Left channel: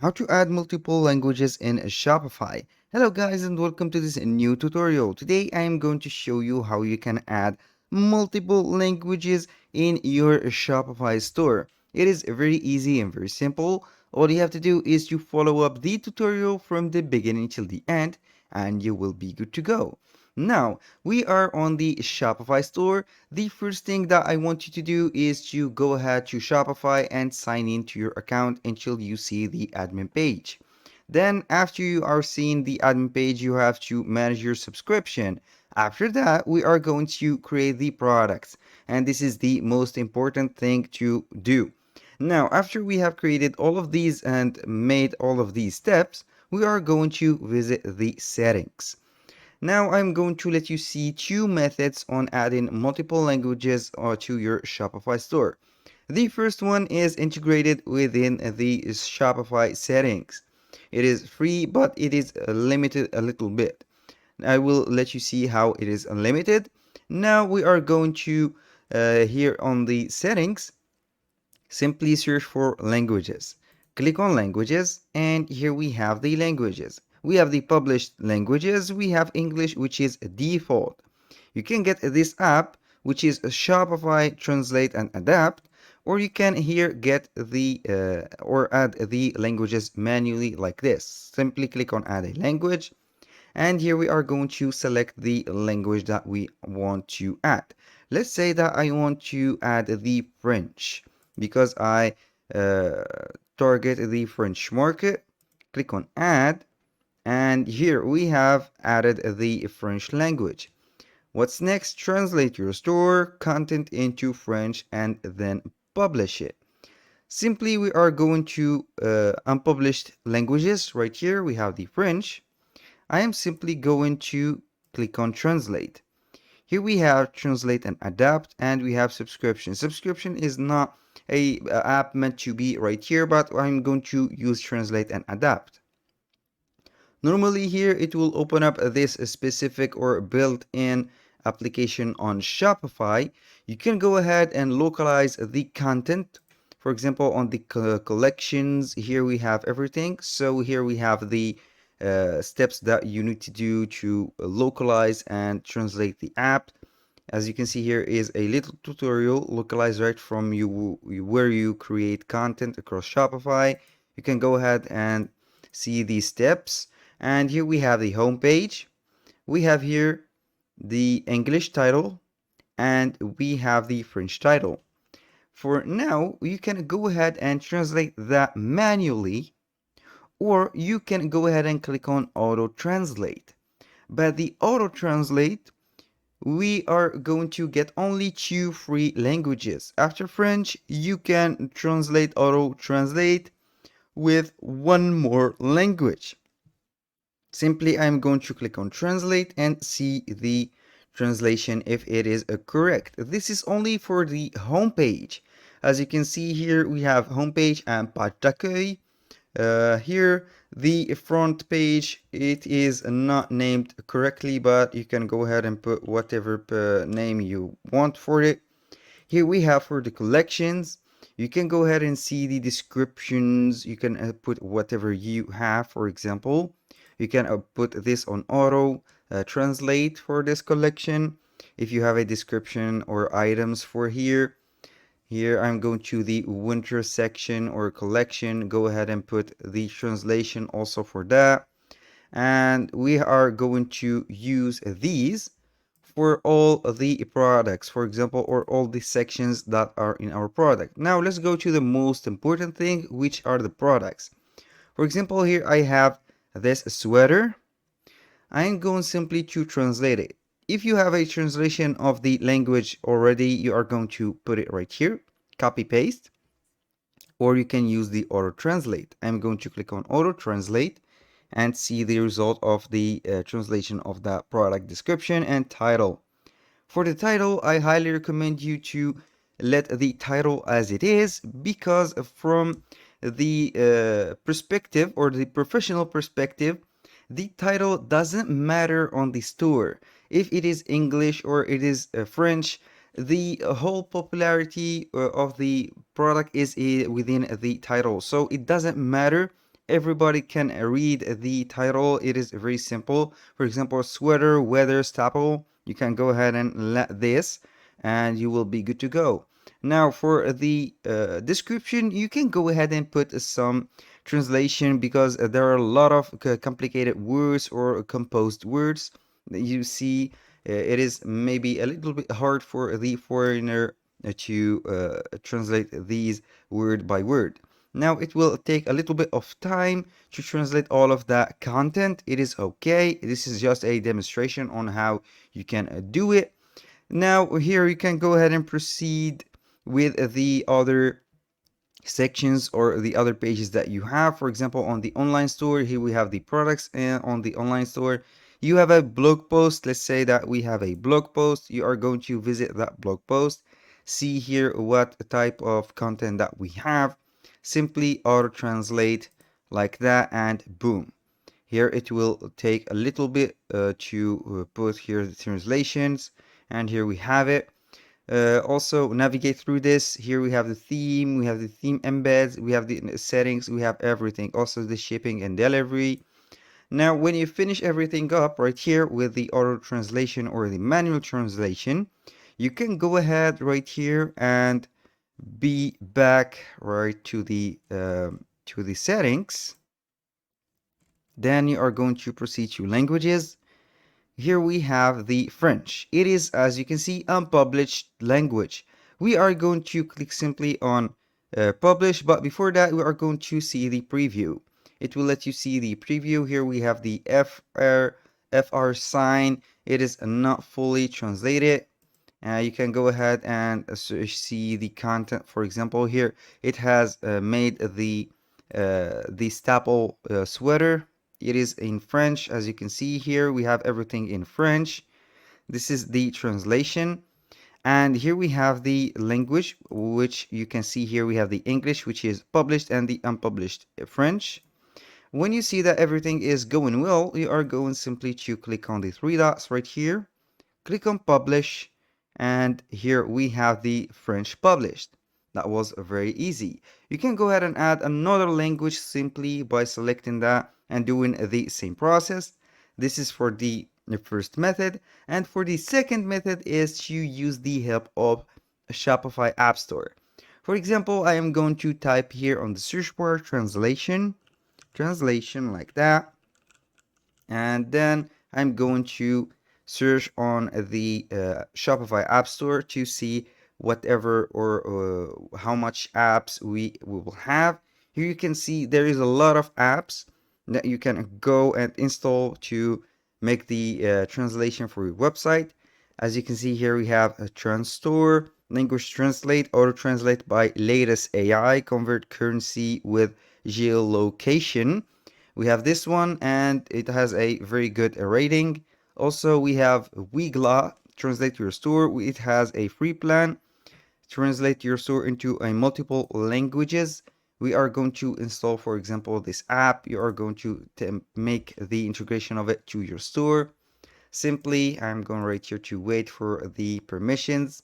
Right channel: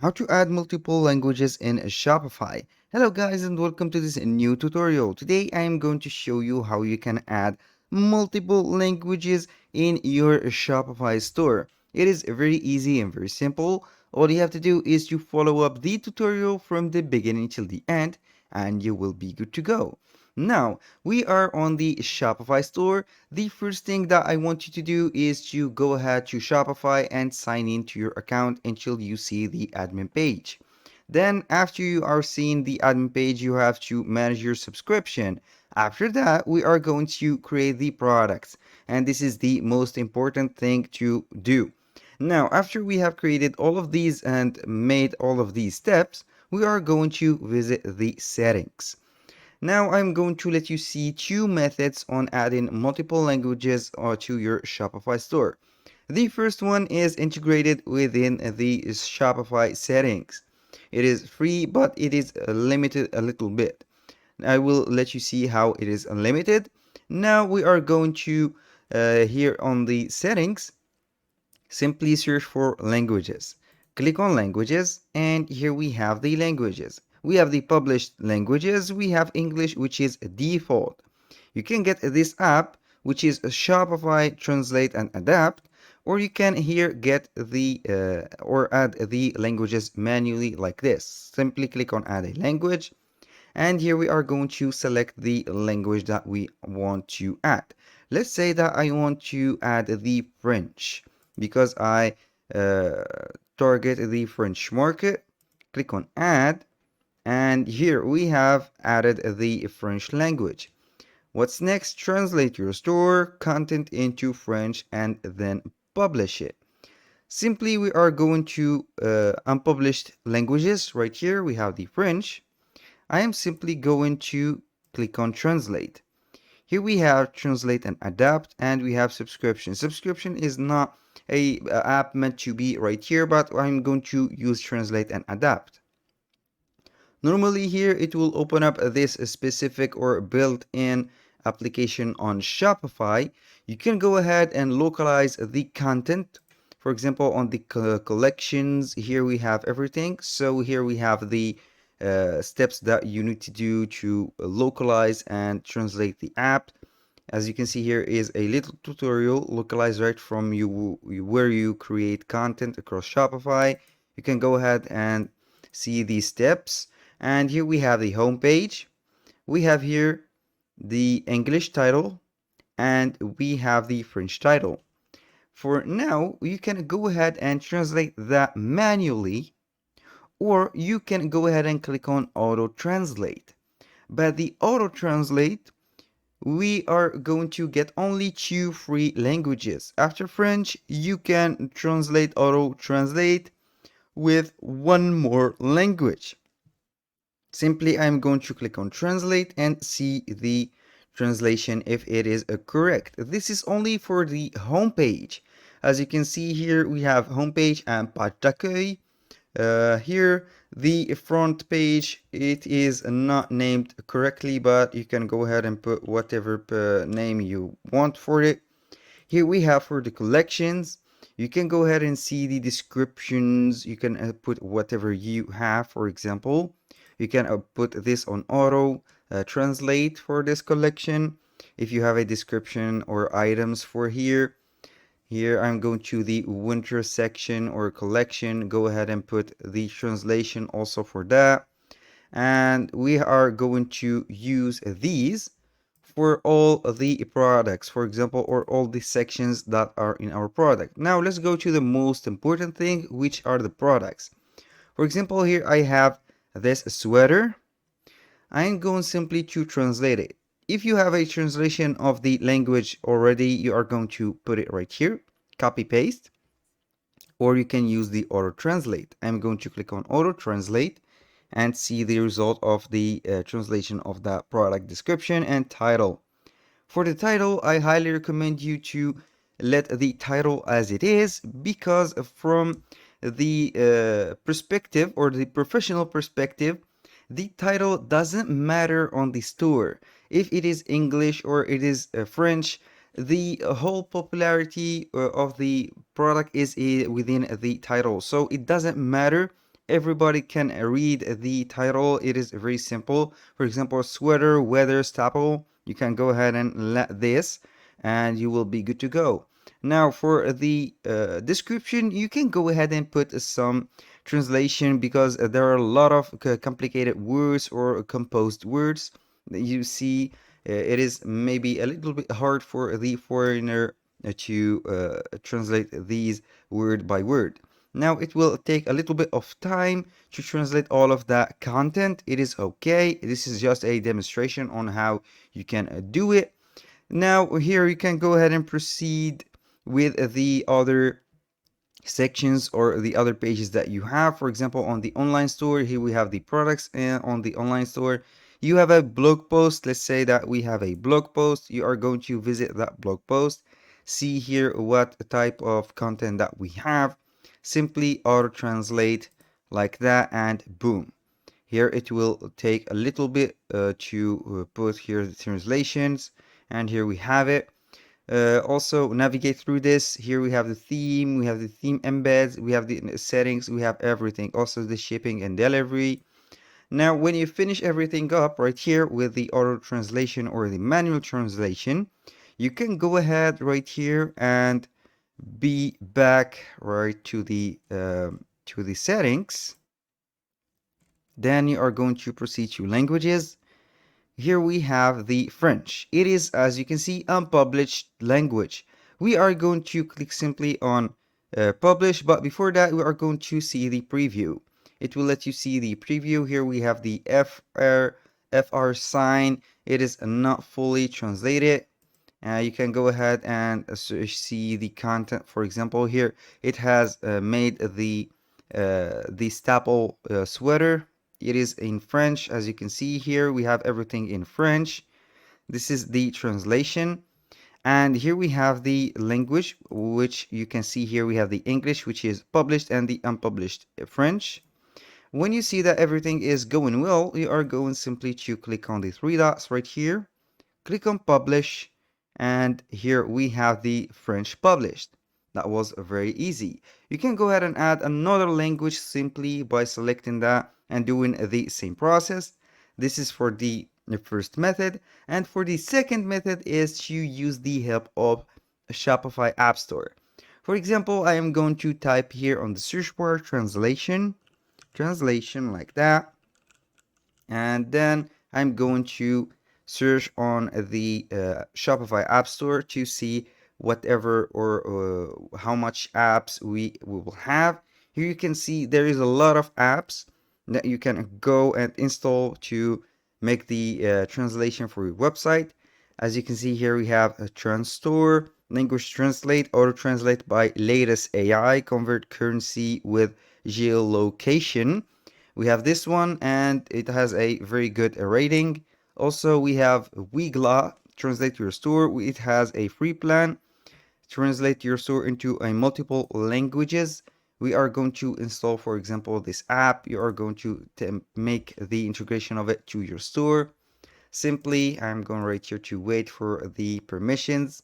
How to add multiple languages in Shopify. Hello guys and welcome to this new tutorial. Today I am going to show you how you can add multiple languages in your Shopify store. It is very easy and very simple. All you have to do is to follow up the tutorial from the beginning till the end and you will be good to go. Now, we are on the Shopify store. The first thing that I want you to do is to go ahead to Shopify and sign into your account until you see the admin page. Then after you are seeing the admin page, you have to manage your subscription. After that, we are going to create the products. And this is the most important thing to do. Now, after we have created all of these and made all of these steps, we are going to visit the settings. Now I'm going to let you see two methods on adding multiple languages to your Shopify store. The first one is integrated within the Shopify settings. It is free, but it is limited a little bit. I will let you see how it is unlimited. Now we are going to here on the settings, simply search for languages. Click on languages and here we have the languages. We have the published languages. We have English, which is default. You can get this app, which is Shopify Translate and Adapt, or you can here get the or add the languages manually like this. Simply click on add a language and here we are going to select the language that we want to add. Let's say that I want to add the French because I uh, target the French market. Click on add and here we have added the French language. What's next? Translate your store content into French and then publish it. Simply we are going to unpublished languages. Right here we have the French. I am simply going to click on translate. Here we have translate and adapt and we have subscription. Subscription is not a app meant to be right here, but I'm going to use translate and adapt. Normally here it will open up this specific or built-in application on Shopify. You can go ahead and localize the content. For example, on the collections, here we have everything. So here we have the steps that you need to do to localize and translate the app. As you can see, here is a little tutorial localized right from you where you create content across Shopify. You can go ahead and see these steps. And here we have the home page. We have here the English title and we have the French title. For now, you can go ahead and translate that manually, or you can go ahead and click on auto translate. But the auto translate, we are going to get only two free languages. After French, you can translate auto translate with one more language. Simply, I'm going to click on translate and see the translation if it is correct. This is only for the home page. As you can see here, we have homepage and page d'accueil. Here, the front page, it is not named correctly, but you can go ahead and put whatever name you want for it. Here we have for the collections, you can go ahead and see the descriptions. You can put whatever you have. For example, you can put this on auto translate for this collection. If you have a description or items for here, I'm going to the winter section or collection. Go ahead and put the translation also for that. And we are going to use these for all the products, for example, or all the sections that are in our product. Now let's go to the most important thing, which are the products. For example, here I have this sweater. I'm going simply to translate it. If you have a translation of the language already, you are going to put it right here, copy paste, or you can use the auto translate. I'm going to click on auto translate and see the result of the translation of that product description and title. For the title, I highly recommend you to let the title as it is, because from the perspective or the professional perspective, the title doesn't matter on the store. If it is English or it is French, the whole popularity of the product is within the title. So it doesn't matter everybody can read the title. It is very simple. For example, sweater, weather, staple. You can go ahead and let this, and you will be good to go. Now, for the description, you can go ahead and put some translation, because there are a lot of complicated words or composed words that you see. It is maybe a little bit hard for the foreigner to translate these word by word. Now it will take a little bit of time to translate all of that content. It is okay. This is just a demonstration on how you can do it. Now here you can go ahead and proceed with the other sections or the other pages that you have. For example, on the online store, here we have the products, and on the online store you have a blog post. Let's say that we have a blog post. You are going to visit that blog post, see here what type of content that we have, simply auto translate like that, and boom, here it will take a little bit to put here the translations, and here we have it. Also navigate through this. Here we have the theme, we have the theme embeds, we have the settings, we have everything, also the shipping and delivery. Now when you finish everything up right here with the auto translation or the manual translation, you can go ahead right here and be back right to the settings. Then you are going to proceed to languages. Here we have the French. It is, as you can see, unpublished language. We are going to click simply on publish, but before that we are going to see the preview. It will let you see the preview. Here we have the FR sign. It is not fully translated. You can go ahead and see the content. For example, here it has made the staple sweater. It is in French. As you can see here, we have everything in French. This is the translation. And here we have the language, which you can see here. We have the English, which is published, and the unpublished French. When you see that everything is going well, you are going simply to click on the three dots right here, click on publish, and here we have the French published. That was very easy. You can go ahead and add another language simply by selecting that and doing the same process. This is for the first method, and for the second method is to use the help of Shopify App Store. For example, I am going to type here on the search bar translation like that, and then I'm going to search on the Shopify App Store to see whatever or how much apps we will have. Here you can see there is a lot of apps that you can go and install to make the translation for your website. As you can see here, we have a Transtore, Language Translate, Auto Translate by Latest AI, Convert Currency with Geolocation. We have this one, and it has a very good rating. Also, we have Wigla, Translate Your Store. It has a free plan. Translate your store into a multiple languages. We are going to install, for example, this app. You are going to make the integration of it to your store. Simply, I'm going right here to wait for the permissions.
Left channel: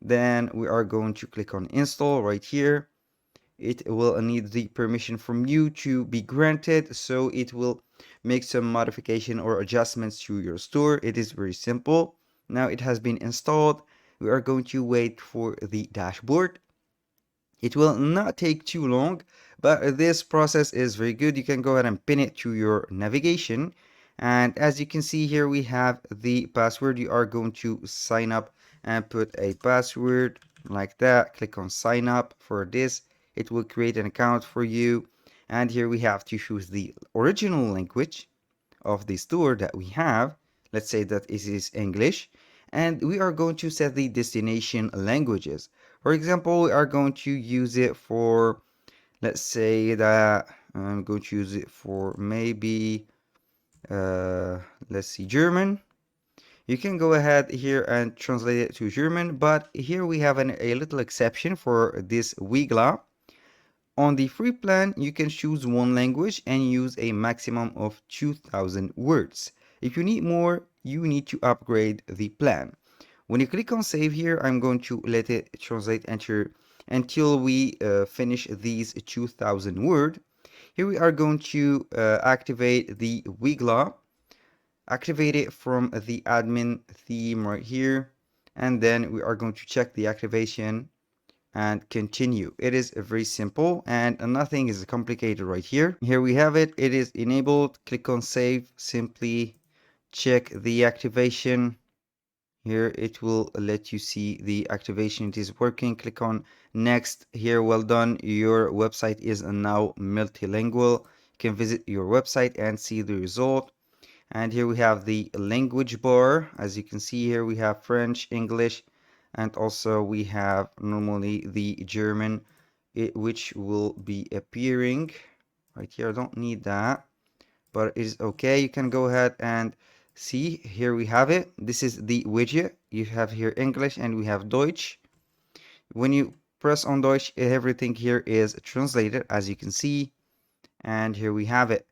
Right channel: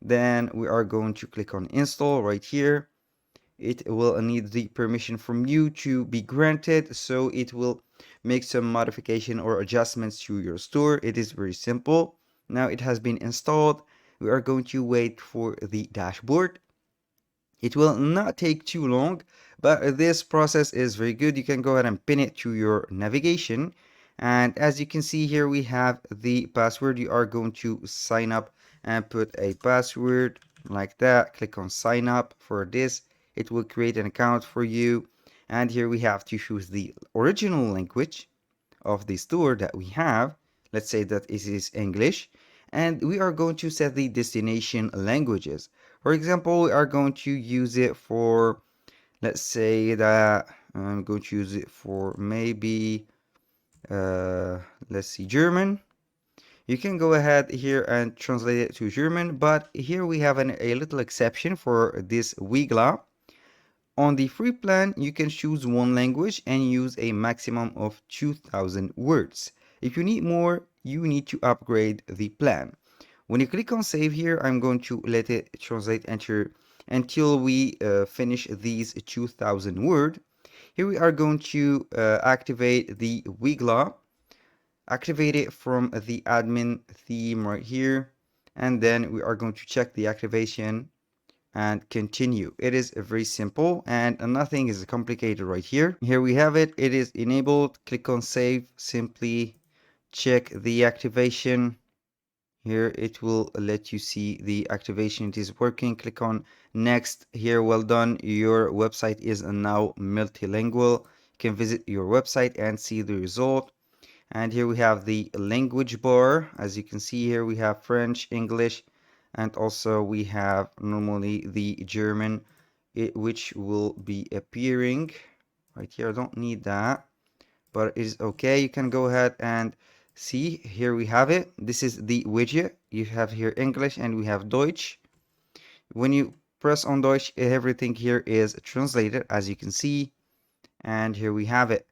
Then we are going to click on install right here. It will need the permission from you to be granted, so it will make some modification or adjustments to your store. It is very simple. Now it has been installed. We are going to wait for the dashboard. It will not take too long, but this process is very good. You can go ahead and pin it to your navigation, and as you can see here, we have the password. You are going to sign up and put a password like that. Click on sign up. For this, it will create an account for you, and here we have to choose the original language of the store that we have. Let's say that it is English, and we are going to set the destination languages. For example, we are going to use it for, let's say that I'm going to use it for maybe let's see, German. You can go ahead here and translate it to German, but here we have a little exception for this Wigla. On the free plan, you can choose one language and use a maximum of 2,000 words. If you need more, you need to upgrade the plan. When you click on save here, I'm going to let it translate enter until we finish these 2,000 words. Here we are going to activate the Wiggler, activate it from the admin theme right here, and then we are going to check the activation and continue. It is very simple and nothing is complicated right here. Here we have it. It is enabled. Click on save. Simply check the activation. Here it will let you see the activation. It is working. Click on next. Here, well done. Your website is now multilingual. You can visit your website and see the result. And here we have the language bar. As you can see here, we have French, English, and also we have normally the German, which will be appearing right here. I don't need that, but it is okay. You can go ahead and see. Here we have it. This is the widget. You have here English and we have Deutsch. When you press on Deutsch, everything here is translated, as you can see. And here we have it.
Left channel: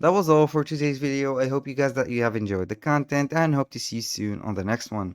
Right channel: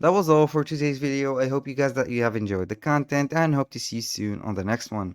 That was all for today's video. I hope you guys that you have enjoyed the content and hope to see you soon on the next one.